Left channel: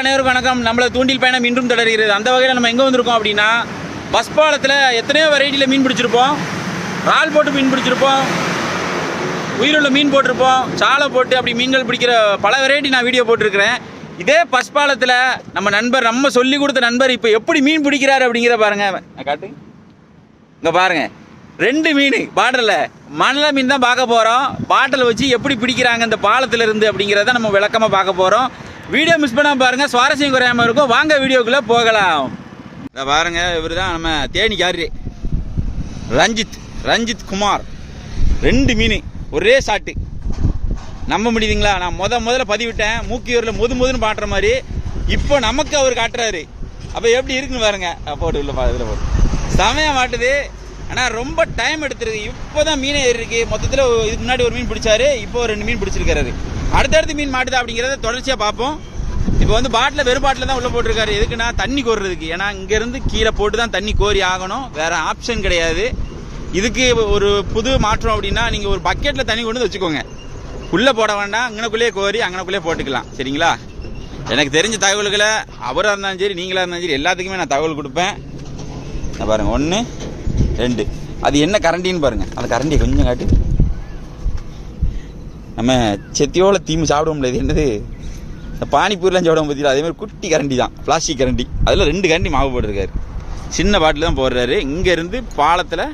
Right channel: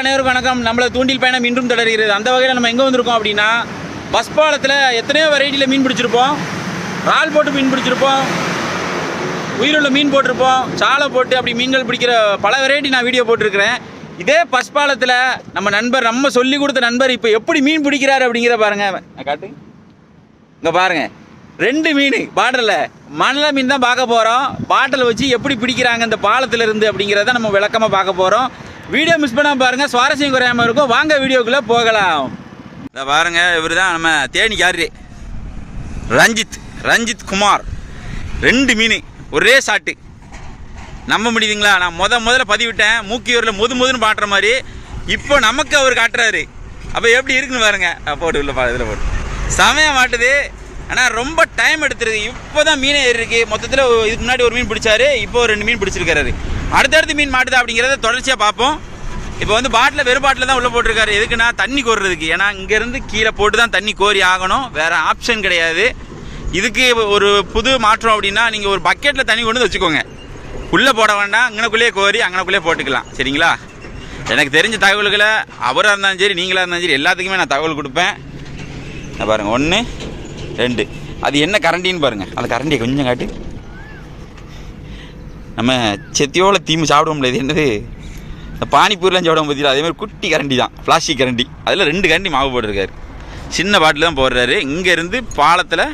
நண்பர் அனைவருக்கும் வணக்கம். நம்மள தூண்டில் பயணம் இன்றும் தொடர்கிறது. அந்த வகையில் நம்ம எங்கே வந்திருக்கோம் அப்படின்னா, பஸ் பாலத்தில் எத்தனையோ வெரைட்டியில் மீன் பிடிச்சிருப்போம். இறால் போட்டு மீன் பிடிச்சிருப்போம், உயிருள்ள மீன் போட்டிருப்போம், சாலை போட்டு அப்படி மீன்கள் பிடிக்கிற பல வெரைட்டி நான் வீடியோ போட்டிருக்கிறேன். இதே பஸ் பாலத்தில் நம்ம சொல்லி கொடுத்த நண்பர் இப்போ எப்படி மீன் பிடிக்கிறாரு அப்படிங்கிற பாருங்கள். காட்டு, இங்கே பாருங்கள், 2 மீன் பாட்டிலில் மணல மீன் தான் பார்க்க போகிறோம். பாட்டில் வச்சு எப்படி பிடிக்கிறாங்க இந்த பாலத்தில் இருந்து அப்படிங்கிறத நம்ம விளக்கமாக பார்க்க போகிறோம். வீடியோ மிஸ் பண்ணாமல் பாருங்கள், சுவாரஸ்யம் குறையாமல் இருக்கும். வாங்க வீடியோக்குள்ளே போகலாம். இதை பாருங்கள், இவர் தான் நம்ம தேனிக்காரு ரஞ்சித் குமார். 2 மீன் ஒரே ஷாட்டு. நம்ப முடியுதுங்களா? நான் முதல்ல பதிவிட்டேன், மூக்கியூரில் முதுன்னு பாட்டுற மாதிரி. இப்போ நமக்கு அவர் காட்டுறாரு. அப்போ எப்படி இருக்குன்னு பாருங்க. போட்டு உள்ள இதில் போட்டு செமையாக மாட்டுது. ஆனால் ரொம்ப டைம் எடுத்துருது. இப்போ தான் மீனே ஏறிருக்கு. மொத்தத்தில் இதுக்கு முன்னாடி ஒரு மீன் பிடிச்சாரு, இப்போ 2 மீன் பிடிச்சிருக்காரு. அடுத்தடுத்து மீன் மாட்டுது அப்படிங்கிறத தொடர்ச்சியாக பார்ப்போம். இப்போ வந்து பாட்டில் வெறும் பாட்டில் தான் உள்ளே போட்டிருக்காரு. எதுக்குன்னா தண்ணி கோர்றதுக்கு. ஏன்னா இங்கேருந்து கீழே போட்டு தான் தண்ணி கோரி ஆகணும், வேறு ஆப்ஷன் கிடையாது. இதுக்கு ஒரு புது மாற்றம் அப்படின்னா, நீங்கள் ஒரு பக்கெட்டில் தண்ணி கொண்டு வச்சுக்கோங்க. உள்ளே போட வேண்டாம், அங்கனக்குள்ளேயே கோரி அங்கனக்குள்ளேயே போட்டுக்கலாம். சரிங்களா? எனக்கு தெரிஞ்ச தகவல்களை அவராக இருந்தாலும் சரி, நீங்களாக இருந்தாலும் சரி, எல்லாத்துக்குமே நான் தகவல் கொடுப்பேன். பாருங்கள், 1 2. அது என்ன கரண்டின்னு பாருங்கள். அந்த கரண்டியை கொஞ்சம் காட்டு. நம்ம செத்தியோல தீமு சாப்பிடுவோம்ல, இது என்னது, இந்த பானிப்பூரிலாம் சாப்பிடுவோம் பார்த்தீங்களா, அதேமாதிரி குட்டி கரண்டி தான், பிளாஸ்டிக் கரண்டி. அதில் 2 கரண்டி மாவு போட்டிருக்காரு. சின்ன பாட்டில் தான் போடுறாரு. இங்கேருந்து பாலத்தில்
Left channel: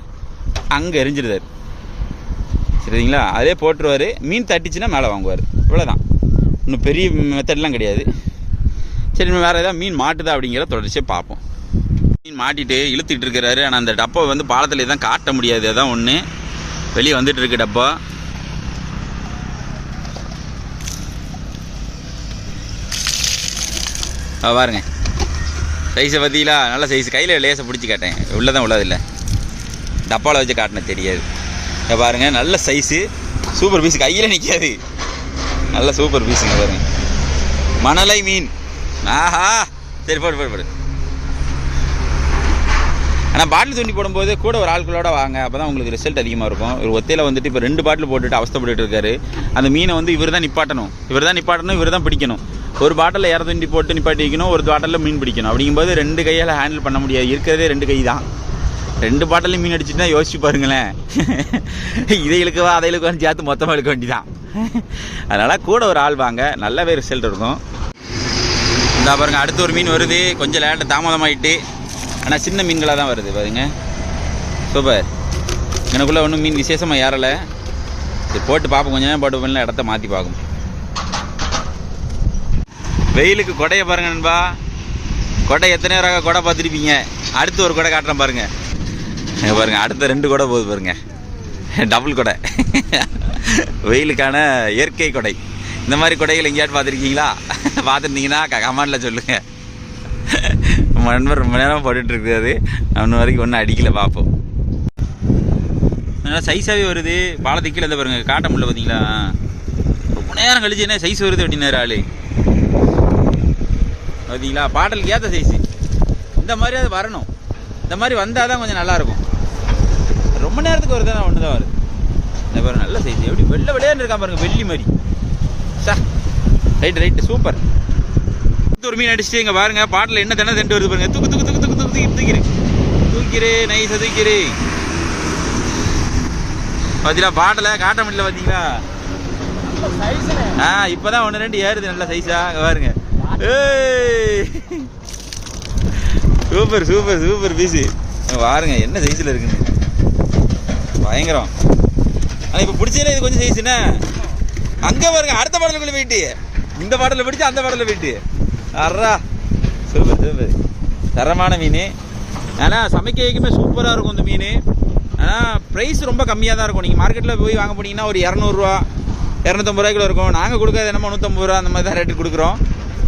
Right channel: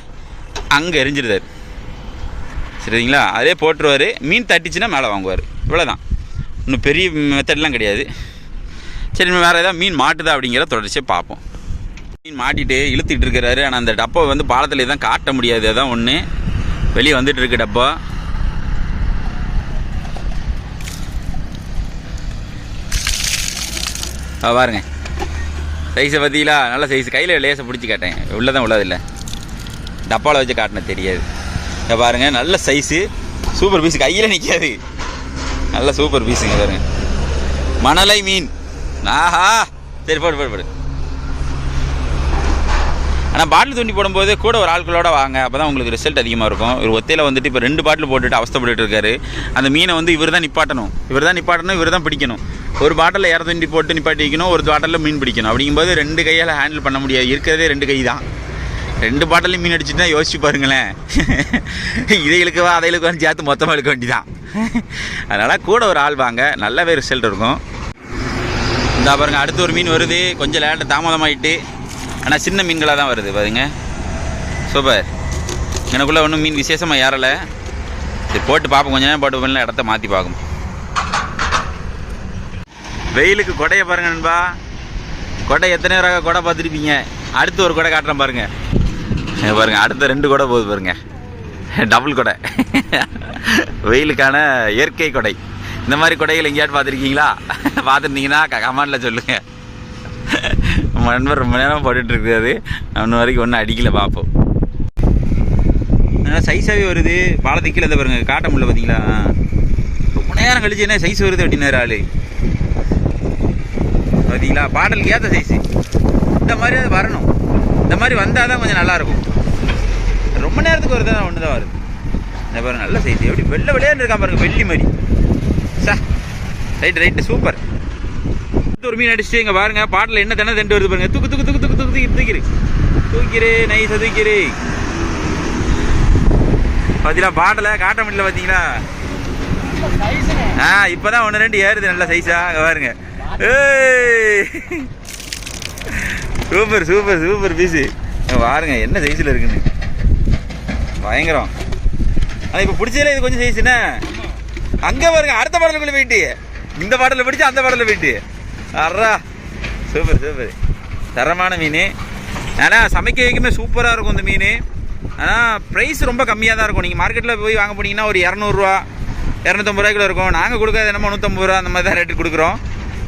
அங்கே எரிஞ்சிருந்தார். சரிங்களா? அதே போட்டுருவார். மீன் தட்டிச்சுன்னா மேலே வாங்குவார். இவ்வளோதான், இன்னும் பெரிய மெத்தட்லாம் கிடையாது. சரி, வேறு ஏதாவது மீன் மாட்டுதா அப்படிங்கிற தொடர்ச்சியாக பார்ப்போம். மீன் மாட்டிட்டு இழுத்துட்டு இருக்கிறாரு. ஆனால் அந்த டப்பா வந்து பாலத்தில் தான் காட்ட முடியாது. அதான் ஒன்று வெளியே வந்துட்டு இருக்கு டப்பா. பாருங்க, சைஸை பார்த்தீங்களா? நல்ல சைஸ். கையில் லேசை பிடிச்சி காட்டேன், உள்ளதான் உள்ளதில்லை, டப்பாவில் வச்சு காட்டினேன் தெரியாது. பாருங்கள், நல்ல சைஸு, சூப்பர் பீஸு. கையில் நிற்காது, நல்ல சூப்பர் பீஸுங்க. பாருங்க, மணலை மீன். ஆஹா, சரி போடு. ஆனால் பாட்டில் தூண்டி போடும்போது கூட ஒரு ஆட்களோட வாங்க, அப்போ தான் உங்களுக்கு ரிசல்ட் அதிகமாக இருக்கும். ஒரு ஒத்தையில் வந்துட்டு இப்போ 2 பாட்டில் போட்டுட்டு அவஸ்தப்பட்டு இருக்காரு. அந்த மீனை வந்து இவர் தான் நிப்பாட்டணும், இவர் தான் பிடிக்கணும். ஒரு பாட்டில் இற தூண்டி போட்டு நிப்பாட்டி வைக்கணும், ஒரு பாட்டிலில் மீன் பிடிக்கணும். அப்படிங்கும்போது 2 கையால் ஹேண்டில் பண்ண முடியாது. இருக்கிறதே 2 கை தான். 2 பாட்டிலையும் மீன் அடிச்சுட்டுனா யோசிச்சு பாருங்களேன். இதை இழுக்கவா அதை இழுக்கவான்னு சேர்த்து மொத்தமாக இழுக்க வேண்டிதான். அதனால் கூட ஒரு ஆள் வாங்க, நல்லாவே ரிசல்ட் இருக்கும். இந்த பாருங்கள், அடுத்து ஒரு மீன் வருது. கொஞ்சம் லேட்டாக தாமதமாகிட்டு, ஆனால் சின்ன மீன்களாக தான் வருது. பாருங்க, சூப்பர். எனக்குள்ளே ஒன்றும் மீன் விசேஷமாக ஏறலை. சரி, போட்டு பார்ப்போம். கொஞ்சம் நேரம் போட்டு பண்ணல, இடத்த மாற்றி பார்க்கும். வெயிலுக்கு கொடையை பாருங்கள் நண்பா. கொடை எத்தனை ரக கொடை பார்த்துருப்பீங்க. அடுத்து ஒரு கொடை காட்டுறேன் பாருங்கள். பாருங்கள், அடுத்த 2 கொடை போகுது பாருங்கள். டபுள் கொடை. வெயிலுக்கான இயற்கை கொடை. இந்த மாதிரி கொடைகள் எங்கேயாட்டு பார்த்துருக்கீங்களா? பார்த்துருந்தீங்கன்னா கமெண்டில் சொல்லுங்கள். நம்ம நண்பர் ரொம்ப நேரம் போட்டுட்ருக்காரு. இன்னும் வரைக்கும் ஒன்றும் அடிக்கலை. பார்ப்போம். நல்லா சைஸாகவே வருது. பாலத்துக்கு கீழே பாருங்கள், காட்ட முடியல பார்த்தீங்களா? ரொம்ப நேரம் கழிச்சு என்ன சைஸ் வருது அப்படின்னாரு ஆள். பார்த்தீங்களா? பாட்டலுக்கு ஏற்ற சைஸு. இந்த மாதிரி அது வரணும். இந்த மாதிரி வந்தால் தான் கொஞ்சம் நல்லாயிருக்கும். ரொம்ப நேரத்துக்கு வருது, ஒன்று தான் வருது. இந்த பாருங்க, நல்ல சைஸ். எப்படி வெள்ளையான்னு இருக்கான் பாருங்கள், வெள்ளி மாதிரி. Right super. ஒரு மீன் அடிச்சுட்டு இங்கே பாருங்க, பாட்டில் என்ன தானே தண்டு வருது பாருங்க. தூக்கிரு நைஸாக தூக்கிரு. பார்த்தீங்களா? பாட்டில் காட்ட முடியல பார்த்தீங்களா? இப்போ தான் 1 2 ஏறுது நல்ல சைஸா. பாருங்க, சூப்பர் பீஸு. பாருங்க என்ன சைஸில் இருக்குன்னு, பயங்கரம். ஆனால் இப்போ பிடிச்சதில்ல இது கொஞ்சம் சைஸ். என்ன அங்கே பாருங்க, அடுத்த பாடலுக்குள்ளே போயிட்டு இந்த பாடலில் பிடிச்சி அந்த பாடலில் போயிட்டு. அறா, சூப்பர். தரமான மீன். ஆனால் சமைக்க வைக்குமே சூப்பராக இருக்கும் இந்த மீன். ஆனால் ப்ரைஸ் ரொம்ப கம்மியாக தான் இருக்கும். நீங்கள் மார்க்கெட்டில் போய் வாங்க போனீங்கன்னா ஒரு 200 ரூபா 250 ரூபாய்க்குள்ள இருக்கும். நாங்கள் கொடுக்காது என்னமோ 150 ரூபா அந்த மாதிரி தான் ரேட்டு கொடுக்குறோம்.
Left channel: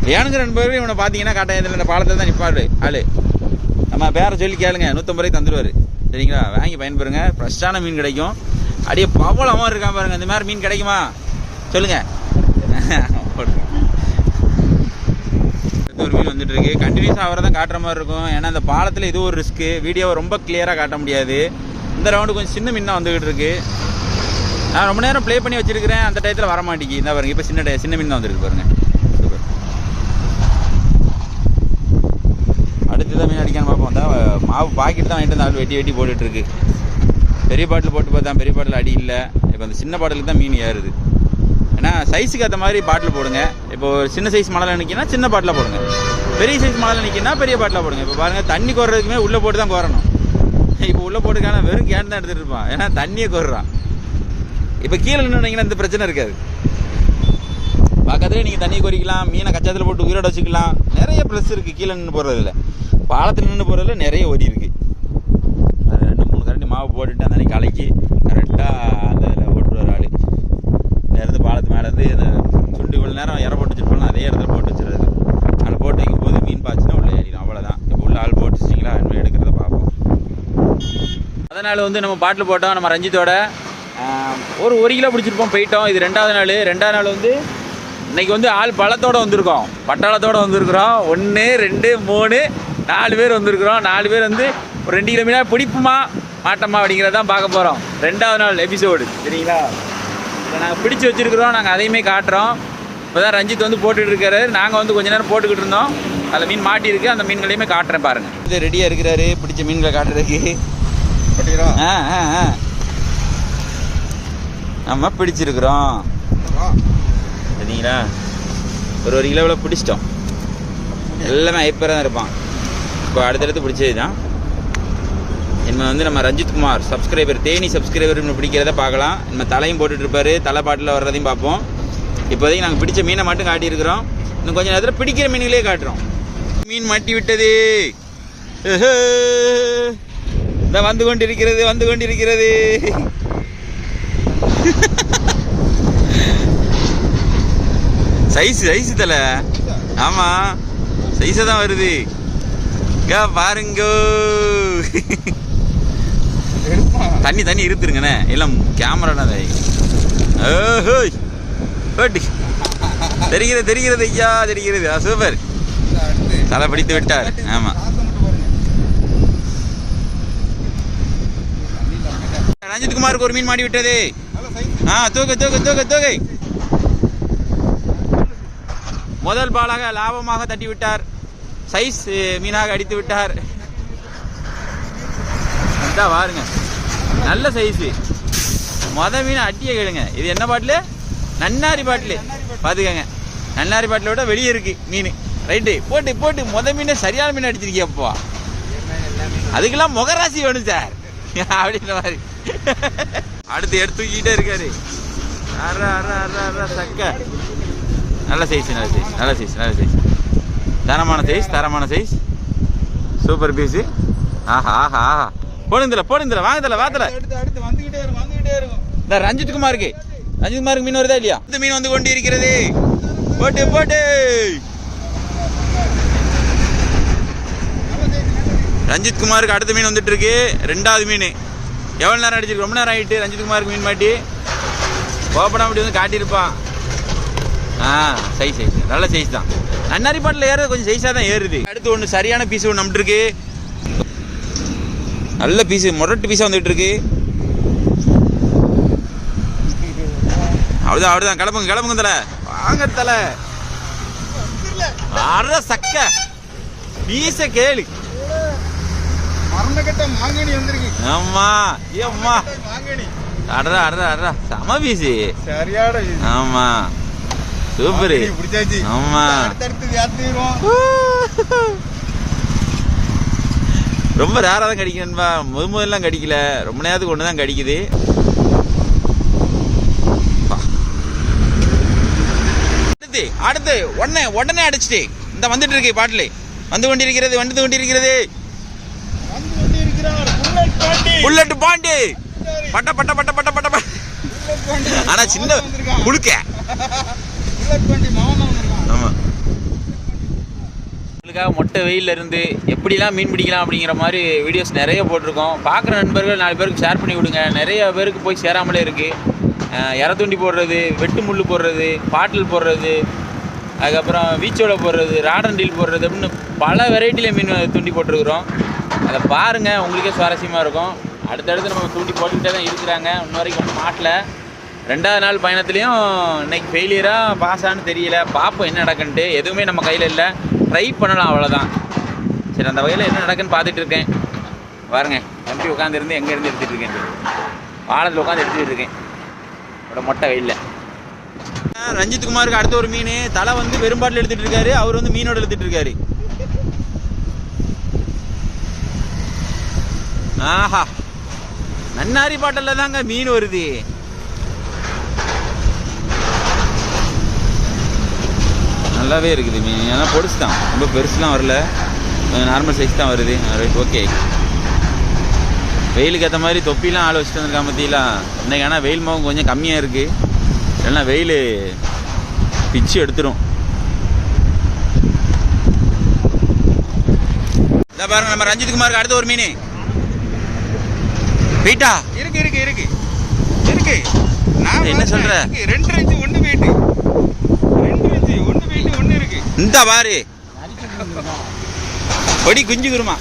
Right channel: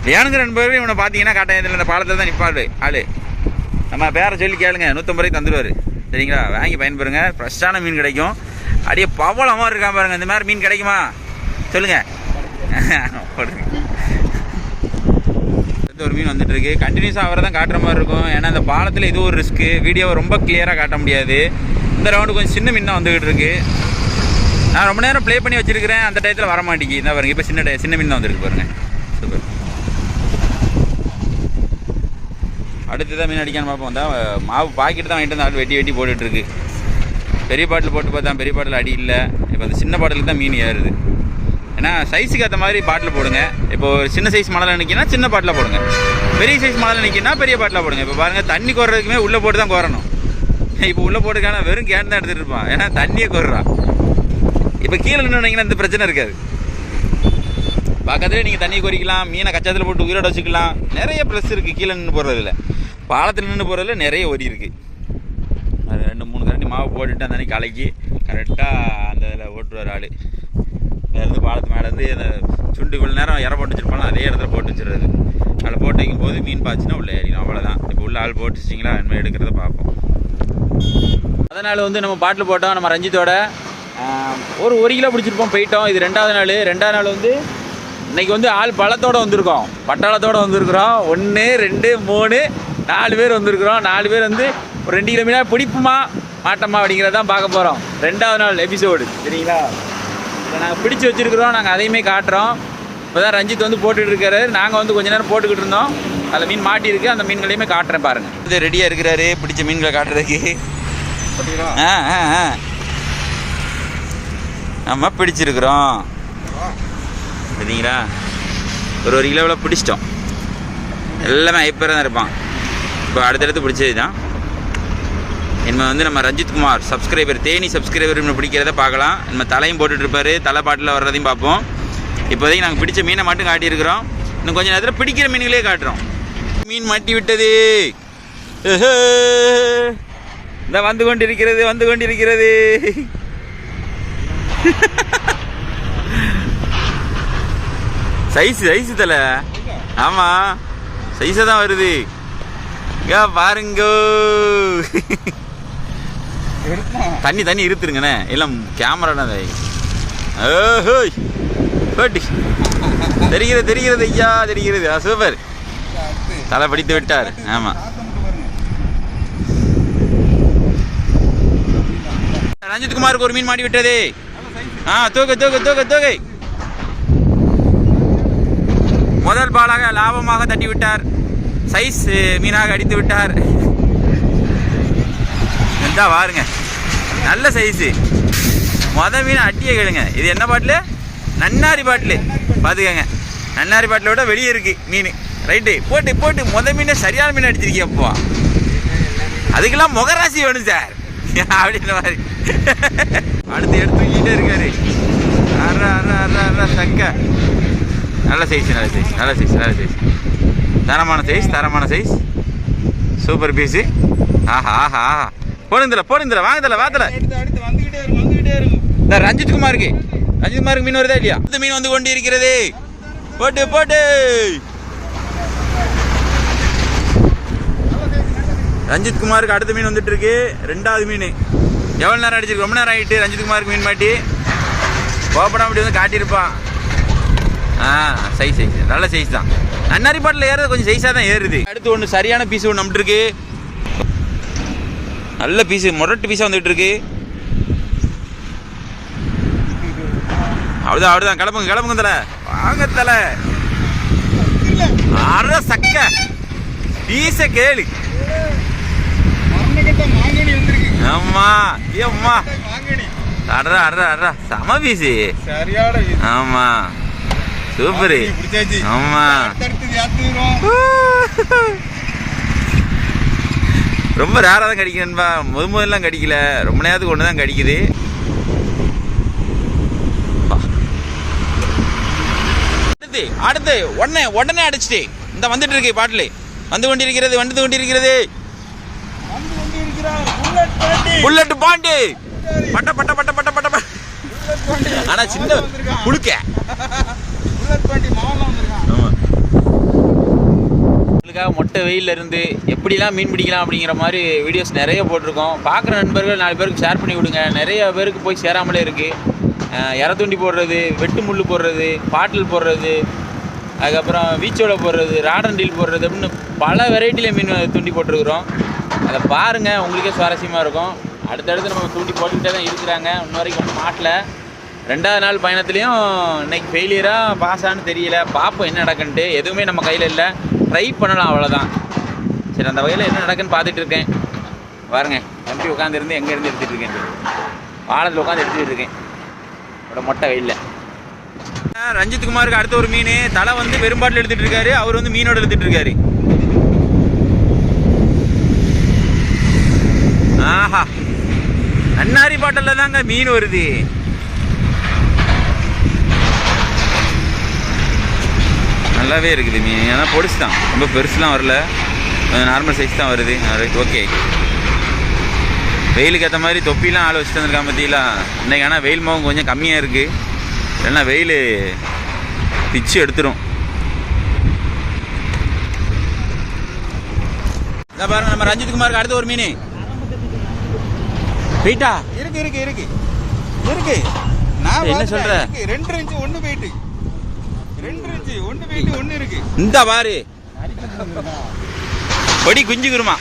வேணுங்கிற 2 பேரும் இவனை பார்த்தீங்கன்னா காட்டாயத்தில் இந்த பாலத்தில் தான் நிற்பாரு ஆள். நம்ம பேரை சொல்லி கேளுங்க, 150 ரூபாய்க்கு தந்துடுவார். சரிங்களா? வாங்கி பயன்பெறுங்க. ஃப்ரெஷ்ஷான மீன் கிடைக்கும். அப்படியே பவளமாக இருக்கான் பாருங்கள். இந்த மாதிரி மீன் கிடைக்குமா சொல்லுங்கள். ஒரு மீன் வந்துட்டு இருக்கு. கண்டினியூஸாக அவரை தான் காட்டுற மாதிரி இருக்கும். ஏன்னா அந்த பாலத்தில் இது ஒரு ரிஸ்க்கு. வீடியோவை ரொம்ப கிளியராக காட்ட முடியாது. இந்த ரவுண்டு கொஞ்சம் சின்ன மீன் தான் வந்துக்கிட்டு இருக்கு. நான் ரொம்ப நேரம் ப்ளே பண்ணி வச்சிருக்கிறேன், அந்த டயத்தில் வர மாட்டேங்கி. இந்த பாருங்க, இப்போ சின்ன மீன் தான் வந்துருக்கு பாருங்க. சூப்பர். அடுத்து தான் மீன் அடிக்கான்னு பார்ப்போம். தான் மாவு பாக்கெட்டு தான் வாங்கிட்டு வந்து ஆள் வெட்டி போட்டுட்ருக்கு. பெரிய பாட்டில் போட்டு பார்த்தா பெரிய பாட்டில் அடி இல்லை. இப்போ அந்த சின்ன பாட்டிலுக்கு தான் மீன் ஏறுது. ஏன்னா சைஸுக்கு ஏற்ற மாதிரி பாட்டில் போடுங்க. இப்போ ஒரு சின்ன சைஸ் மணலில் நிற்கினா சின்ன பாட்டில் போடுங்க, பெரிய சைஸ் மணலில் நிற்கினா பெரிய பாட்டில் போடுங்க. இப்போ பாருங்கள், தண்ணி கோர்றதுக்குமே உள்ளே போட்டு தான் கோரணும். இப்போ உள்ளே போட்டுக்கான வெறும் கேன் தான் எடுத்துகிட்டு இருப்பான், ஏன்னா தண்ணியை கோர்றான். இப்போ கீழே நின்றுனீங்கன்னா இந்த பிரச்சனை இருக்காது. பக்கத்துலேயே நீங்கள் தண்ணி கொறிக்கலாம், மீனை கச்சாத்தில் போட்டு உயிரோட வச்சுக்கலாம். நிறைய ப்ளஸ் இருக்குது கீழே நின்று போடுறதில்ல. பாலத்தில் நின்று போடுறதுல நிறைய ஒரி இருக்குது. அது 2-3 கரண்டி மாவு போட்டுட்டு அந்த அன்றைக்கி கலக்கி கரெக்டாக அந்த இதில் ஓட்டுருவார் ஆள். இருந்து பாலத்து மேலேருந்து அந்த சுண்டு இவ்வளோ நேரம் இற போட்டு வச்சுருப்பாங்க, அதே இடத்துல போட்டு வச்சுருது. அதில் போட்டு வைக்கும் போது மீன் பாய்ச்சினா உள்ளே ஏறிடும், அவ்வளோதான். இப்போ உள்ள ஆள் போட்டு வச்சிங்களா, இனிமேல் எடுக்கிறத பார்ப்போம். அதனால் வந்து நம்ம பாட்டில் போட்டோம். நம்ம ரஞ்சித்தோட ஒரு கிலோ பிடிச்சிருப்போம், போயிட்டோம். இது 2வது நாள். 2வது நாள் வந்து இன்றைக்கி வந்து ஆள் பழத்தோடு வந்திருக்கோம், பட்டாளத்தோடு வந்திருக்கிறோம். 1 2 3 4 பேர் வந்திருக்கிறோம். 4 பேர் வந்து ஒரு 2 கிலோ மீனாக பிடிப்புமா மாட்டோமா அப்படிங்கிறதான் பார்க்க போகிறோம். 2வது நாள் எபிசோடு, சரிங்களா? இதை நாங்கள் பிடிச்சி வச்சுருக்கிறோம், நாங்கள் அதையுமே காட்டுறோம். இப்போ தான் ரஞ்சித் வந்து போட்டுட்டு இருக்காரு. நாங்கள் வந்து கொஞ்ச நேரம் போட்டுக்கிட்டு இருந்தோம். அதில் மீன் மாட்டியிருக்கு, அந்த மீன்களையுமே காட்டுறேன் பாருங்கள். இது ரெடியாக இருக்கிறாரு பிடிச்ச மீன்களை காட்டுறதுக்கு. நம்ம பிடிச்சிருக்கிறோம், சரிங்களா? ஒரு கிலோவில் பிடிச்சிட்டோம். எல்லாமே ஐப்பராக தான் இருப்பான். இப்போ அடுத்தடுத்து பிடிச்சது தான். இனிமேல் வந்து நம்ம ரஞ்சித்குமார் சப்ஸ்கிரைபர், தேனி சப்ஸ்கிரைபர் பிடிக்கிறத பார்க்கலாம். நம்ம தலையும் போட்டுட்ருப்பார், தலை பாட்டில் வர்றதையும் பார்ப்போம். இப்போதைக்கு நாங்கள் பிடிச்ச மீனை மட்டும் காட்டியிருக்கிறோம். இன்னும் கொஞ்சம் நேரத்தில் பிடிக்கிற மீன்களே காட்டுறோம். மீன் மாட்டி விட்டது, இந்த வந்து கொண்டிருக்கிறது. சைஸு தலை, ஆமாம் சைஸாக தான் வருது. பாருங்க, தண்ணி இருத்துருங்கண்ணே, எல்லாம் கேமரா தெரிகிறது ஐயா, தெரிகிறது. சூப்பர், தலை படித்து விட்டார். ஆமாம், ரஞ்சித்குமாருக்கு ஒரு மீன் மாட்டி விட்டது. தூக்கு. முதல் பாலாக லாபமாக தட்டி விட்டார், சைஸ் மீனாக அடித்து விட்டார். பாருங்க, நல்ல சைஸு. மீன் அட்டியை கேளுங்க. இது என்ன பாட்டில்? நன்னாரி பாட்டில். பார்த்துக்கங்க, நன்னாரி பாட்டில் விட வெளியே இருக்கு மீன். ரைட்டு, போட்டு மீனை சரியான மீன் அடிச்சிருக்கியப்போ. அதுக்கெல்லாம் முகராசி வேணும் சார் அப்படின்ற மாதிரி. அடுத்து எடுத்து தூக்கிட்டே இருக்காரு. சக்க நல்ல சைஸ். தரமான சைஸ். Super piece. ஆஹா போடுங்கல, வாங்கல. இந்த ரஞ்சித்குமாருக்கு மீன் வருதா இல்லையா? இந்த மீன் வந்து கொண்டு இருக்கிறது. போட்டு ரஞ்சித்குமாருக்கு அடுத்த மீன் வந்துட்டு இருக்கு. 2வது மீன். எவ்வளோ நேரம் அடிச்சிருக்கு? ரொம்ப நேரம் ஆகிட்டு ரஞ்சித்குமாருக்கு மீன் மாட்டி. கோப்படம் அப்படி வந்து காட்டியிருப்பான். சைஸ் நல்ல சைஸ் தான். நன்னாரி பாட்டில் ஏறது கொஞ்சம் சைஸாக தான் ஏறுது. அடுத்து ஒன்று சரியான பீஸ் ஒன்று நம்மட்டு இருக்கு. நல்ல பீஸு, முரட்டு பீஸாக வந்துட்டு இருக்கு. அவ்வளோதான். கிளம்புங்க தலை, வாங்க தலை. சக்க பீஸ கேளு. ஆமா, சம பீஸு. ஆமா, சூப்பரு. ஆமா, ரொம்ப ரேராக தான் கடிக்கணும்பா. முதல்லாம் கடிக்கல, ரொம்ப நேரத்துக்கு ஒன்று தான் கடிக்குது. அடுத்து உடனே அடிச்சுட்டு இந்த வந்துட்டு இருக்கு பாட்டில். வந்து கொண்டிருக்கிறது. புல்லட் பாண்டி. பட்ட. ஆனா சின்ன குளுக்க. ஆமா, உங்களுக்காக மொட்டை வெயிலில் இருந்து எப்படிலாம் மீன் பிடிக்கலாம் அப்படிங்கிற மாதிரி வீடியோஸ் நிறைய போட்டிருக்கோம். பார்க்குற நண்பர்கள் 4 பேருக்கு ஷேர் பண்ணி விடுங்க. நிறைய பேருக்கு போய் சேராமலே இருக்குது. இற தூண்டி போடுறது, வெட்டு முள் போடுறது, பாட்டில் போடுறது, அதுக்கப்புறம் வீச்சோட போடுறது, ராடன்டீல் போடுறது அப்படின்னு பல வெரைட்டியில் மீன் தூண்டி போட்டிருக்கிறோம். அதை பாருங்கள், உங்களுக்கே சுவாரஸ்யமாக இருக்கும். அடுத்தடுத்து நம்ம தூண்டி போட்டுக்கிட்டே தான் இருக்கிறாங்க. இன்ன வரைக்கும் மாட்டில். 2வது நாள் பயணத்துலேயும் இன்றைக்கி ஃபெயிலியராக பாஸான்னு தெரியல. பார்ப்போம் என்ன நடக்குன்ட்டு. எதுவுமே நம்ம கையில் இல்லை, ட்ரை பண்ணலாம், அவ்வளோதான். சரி, அந்த வகையில் என்ன நடக்குன்னு பார்த்துட்டு இருக்கேன். பாருங்க, தம்பி உட்காந்துருந்து எங்கேருந்து எடுத்துகிட்டு இருக்கேன், பாலத்தில் உட்காந்து எடுத்துகிட்டு இருக்கேன் அவரோட மொட்டை வெயில்ல. ரஞ்சித் குமாருக்கு அடுத்த ஒரு மீன் தலை வந்து பெரும்பாட்டில் எடுத்துகிட்டு இருக்காரு, அவர் வந்து மீனோட எடுத்துகிட்டு இருக்காரு. ஆஹா, நன்னாரி பாட்டல்ல தாங்க மீன் வருது. நல்லாவே இருக்குது மீன், ஏன்னா பொடிசு தான், ரொம்ப பெருசுலாம் வரல, நார்மல் சைஸ் தான் வருது. Right, okay. வெயிலுக்கு ஏற்ற மாதிரி தொப்பிலாம் ஆள் வச்சுட்டு வந்துருக்கான் பற்றிலாம் இன்னைக்கு. ஆனால் வெயில் மாவும் கொஞ்சம் கம்மியாக இருக்குது, இல்லைன்னா வெயில் பிச்சு எடுத்துரும். இதான் பாருங்க, நம்ம ரஞ்சித் குமாருக்கு அடுத்த ஒரு மீன் போயிட்டா இருக்கு இருக்கு இருக்கு இருக்கு. நான் என்ன சொல்ற, 2 இன்ச்சு ஒன்று போயிட்டு, 2 இன்ச்சு ஒன்று போயிட்டு ஒன்று இருக்கு. இந்த பாரு பொடி குஞ்சு குருமா.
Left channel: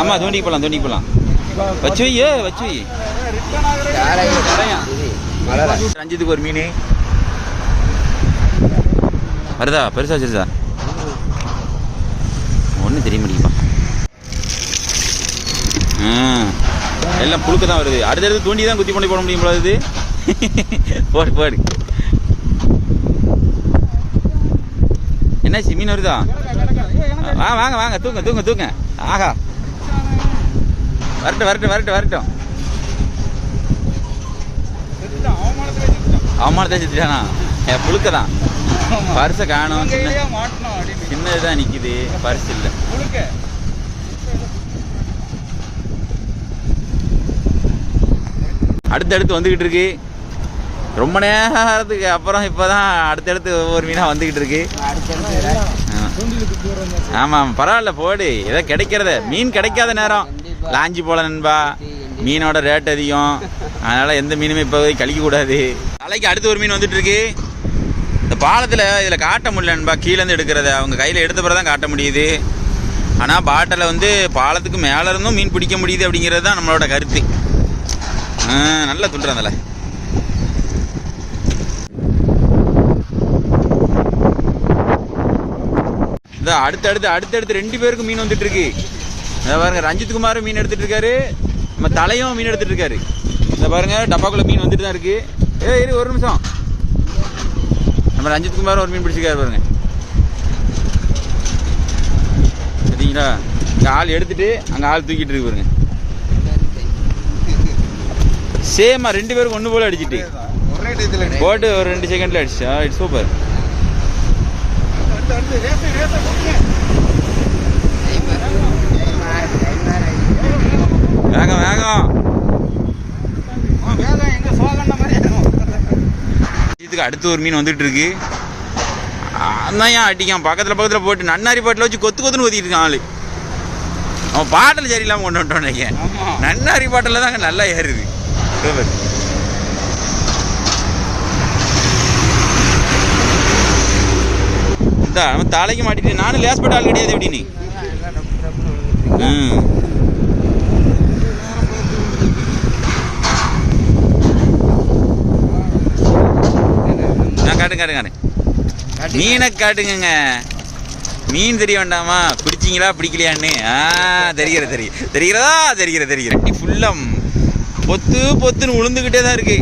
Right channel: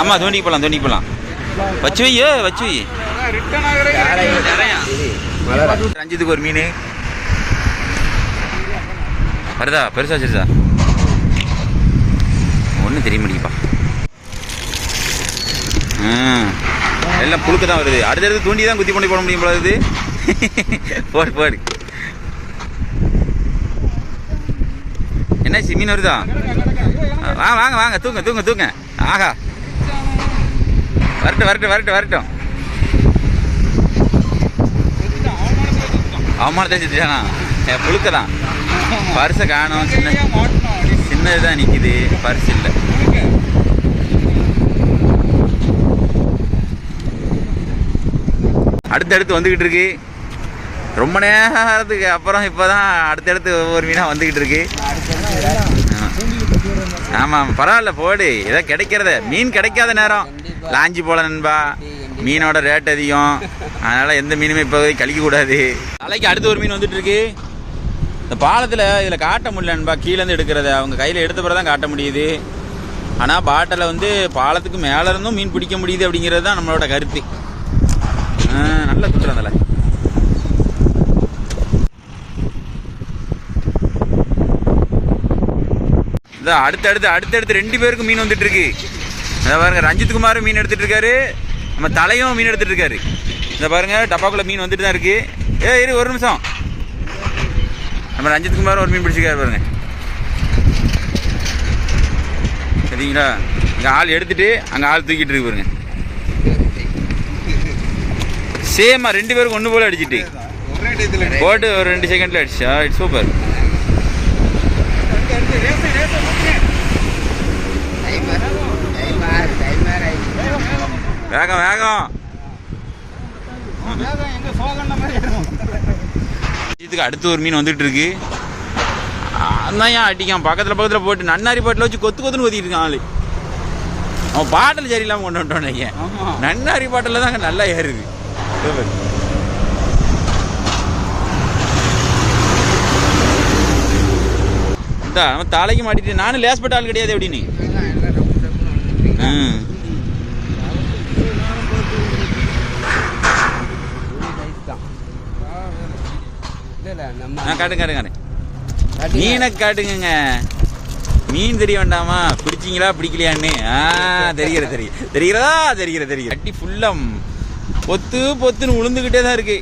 ஆமா, தூண்டிக்கு போகலாம், தூண்டிக்கு போகலாம். வச்சு வை, வச்சு வை. ரஞ்சித்துக்கு ஒரு மீன் வருதா, பெருசா வச்சிருதா ஒன்றும் தெரிய முடியுப்பா. எல்லாம் புழுக்க தான் வருது. அடுத்தடுத்து தூண்டி தான் குத்தி கொண்டு போட முடியும் போல இது. போடு போடு. என்ன மீன் வருதா? வாங்க வாங்க, தூங்க தூங்க தூங்க. ஆஹா, வரட்டும் வரட்டும் வரட்டும் வரட்டும். அவமானத்தை செஞ்சுட்டானா? புழுக்க தான், பரிசை காணும். சின்னதுதான் நிற்கிது, பரிசு இல்லை. அடுத்தடுத்து வந்துக்கிட்டு இருக்கு, ரொம்ப நேரத்துக்கு அப்புறம் இப்போ தான் அடுத்தடுத்து ஒவ்வொரு மீனாக வந்துக்கிட்டு இருக்கு. ஆமாம், பரவாயில்ல, போடு. ஏதோ கிடைக்கிறத, மீன் கிடைக்காத நேரம் லாஞ்சி போல நண்பா. மீனோட ரேட் அதிகம், அதனால் எந்த மீனுமே இப்போ கழிக்கக்கூடாது. தலைக்கு அடுத்து ஒரு மீன் வந்துட்டு இருக்கு. இந்த பாலத்தில் இதில் காட்ட முடியல நண்பா, கீழேருந்து எடுக்கிறத. அவங்க கையில் எடுத்த பிறகு தான் காட்ட முடியுது. ஆனால் பாட்டில் வந்து பாலத்துக்கு மேலே இருந்தும் மீன் பிடிக்க முடியுது அப்படிங்கிறது தான் நம்மளோட கருத்து. நல்லா துண்டுறதில்ல. இதான் அடுத்தடுத்து 2 பேருக்கும் மீன் வந்துட்டு இருக்கு. இதை பாருங்க, ரஞ்சித் குமாரும் மீன் எடுத்துட்டு இருக்காரு, நம்ம தலையும் மீன் எடுத்துட்டு இருக்காரு. இதை பாருங்க, டப்பாக்குள்ள மீன் வந்துட்டு தான் இருக்கு. இரு ஒரு நிமிஷம். நம்ம ரஞ்சித் குமாரும் ஒரு மீன் பிடிச்சிருக்காரு பாருங்க. சரிங்களா? இங்கே ஆள் எடுத்துட்டு அங்கே ஆள் தூக்கிட்டு இருக்கு பாருங்க. சேமா 2 பேருக்கு ஒன்று போல அடிச்சுட்டு போட்டு ஒரு 2 செகண்ட்ல அடிச்சா. It's super. வேகம் வேகம். இதுக்கு அடுத்து ஒரு மீன் வந்துட்டு இருக்கு. அதான் ஏன் அடிக்கான், பக்கத்தில் போட்டு நன்னாரி பாட்டில் வச்சு கொத்து கொத்துன்னு ஊற்றிட்டு இருக்கான் ஆளு. அவன் பாட்டில் சரியில்லாமல் கொண்டு வந்துட்டோம். நன்னாரி பாட்டில் தாங்க நல்லா ஏறுது. நம்ம தலைக்கு மாட்டிட்டு, நானும் லேஸ் பட்ட ஆள் கிடையாது எப்படின்னு. காட்டுங்க மீனை காட்டுங்க. மீன் தெரிய வேண்டாமா, பிடிச்சிங்களா பிடிக்கலையான்னு? தெரிகிறதா? ஃபுல்லாக பொத்துன்னு உளுந்துக்கிட்டே தான் இருக்கு.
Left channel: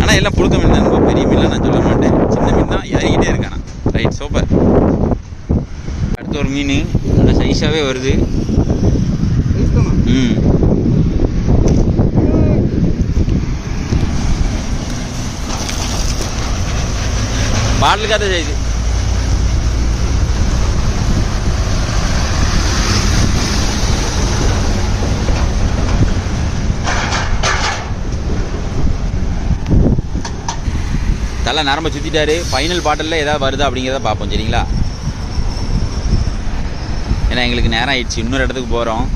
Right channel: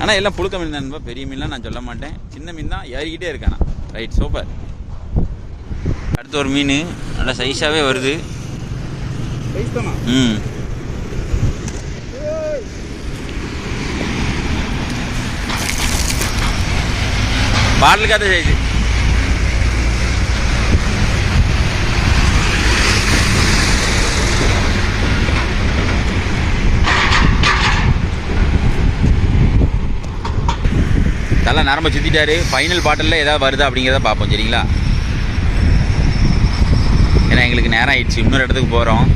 ஆனால் எல்லாம் புழுக்க மீன் தான், ரொம்ப பெரிய மீன்லாம் நான் சொல்ல மாட்டேன், சின்ன மீன் தான் ஏறிக்கிட்டே இருக்கானா. Right, super. அடுத்த ஒரு மீன் நல்லா சைஸாகவே வருது. பாடலுக்காத சைஸு. தலை நரம்ப சுற்றிட்டாரு. ஃபைனல் பாட்டிலில் ஏதாவது வருதா அப்படிங்கிறத பார்ப்போம், சரிங்களா? ஏன்னா எங்களுக்கு நேரம் ஆயிடுச்சு, இன்னொரு இடத்துக்கு போகிறோம்.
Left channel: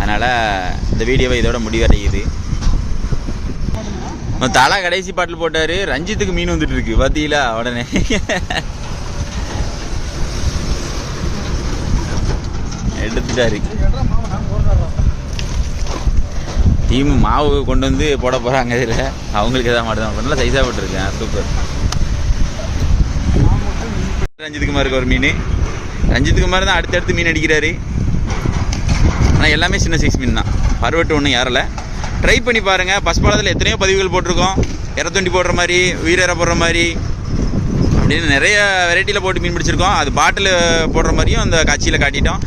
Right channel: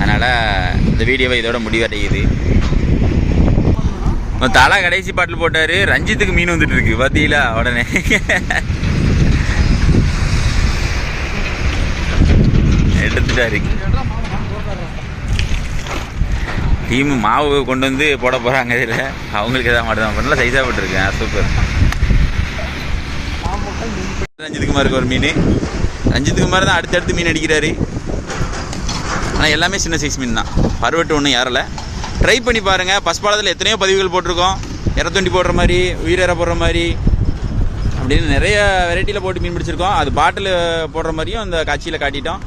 அதனால் இந்த வீடியோவை இதோட முடிவடையுது. தலை கடைசி பாட்டில் போட்டார். ரஞ்சித்துக்கு மீன் வந்துட்டு இருக்கு பார்த்தீங்களா? உடனே எடுத்துட்டாரு. டீமு மாவு கொண்டு வந்து போட போகிறாங்க. இதில் அவங்களுக்கு எதாவது மட்டும் தான் நல்லா சைஸாக போட்டுருக்கேன். சூப்பர். ரஞ்சித் குமாருக்கு ஒரு மீன். ரஞ்சித் குமார் தான் அடுத்தடுத்து மீன் அடிக்கிறாரு. ஆனால் எல்லாமே சின்ன சைஸ் மீன் தான். பருவட்டு ஒன்றும் யாரில் ட்ரை பண்ணி பாருங்கள். பஸ் பாலத்தில் எத்தனையோ பதிவுகள் போட்டிருக்கோம். இறத்தொண்டி போடுற மாதிரி, உயிரிற போடுற மாதிரி அப்படின்னு நிறைய வெரைட்டியில் போட்டு மீன் பிடிச்சிருக்கோம். அது பாட்டில் போடுற மாதிரியும் அந்த காட்சியில் காட்டிட்டோம்.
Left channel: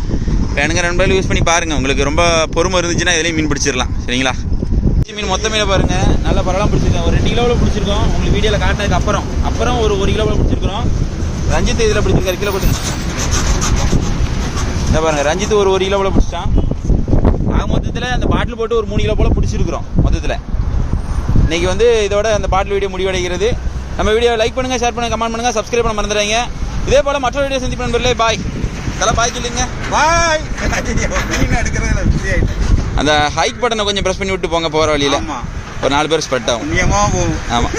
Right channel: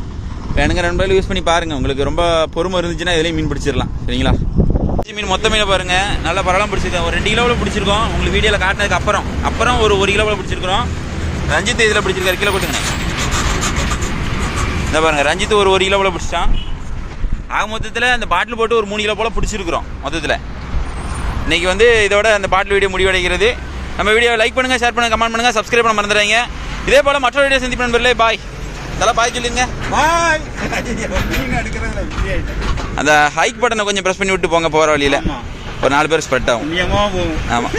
வேணுங்க நண்பர்கள் யூஸ் பண்ணி பாருங்கள். உங்களுக்கு ரொம்ப பொறுமை இருந்துச்சுன்னா இதுலேயும் மீன் பிடிச்சிடலாம். சரிங்களா? மீன் மொத்த மீனை பாருங்கள். நல்லா பரவாயில்ல பிடிச்சிருக்கோம். ஒரு 2 கிலோவில் பிடிச்சிருக்கோம். உங்களுக்கு வீடியோவில் காட்டினதுக்கு அப்புறம் ஒரு 1 கிலோவில் பிடிச்சிருக்கிறோம். ரஞ்சித் இதில் பிடிச்சிருக்காரு. கிலோ போட்டுங்க. இந்த பாருங்கள், ரஞ்சித் ஒரு 1 கிலோவில் பிடிச்சிட்டான். ஆக மொத்தத்தில் அந்த பாட்டில் போட்டு ஒரு 3 கிலோ போல் பிடிச்சிருக்கிறோம் மொத்தத்தில். இன்றைக்கி வந்து இதோட அந்த பாட்டில் வீடியோ முடிவடைகிறது. நம்ம வீடியோவை லைக் பண்ணுங்கள், ஷேர் பண்ணுங்கள், கமெண்ட் பண்ணுங்கள், சப்ஸ்கிரைப் பண்ண மறந்துடுறீங்க. இதே போல் மற்றொரு வீடியோ சந்திப்பு நண்பர்களே. பாய். இதெல்லாம் பாய் சொல்லுங்க. பாய். அந்த ஹைக் பட்டனை கொஞ்சம் ப்ரெஸ் பண்ணி விட்டு போங்க போகிற வழியில். ஒரு 4 பேர் ஸ்ப்ரெட் ஆகும். ஆமாம்.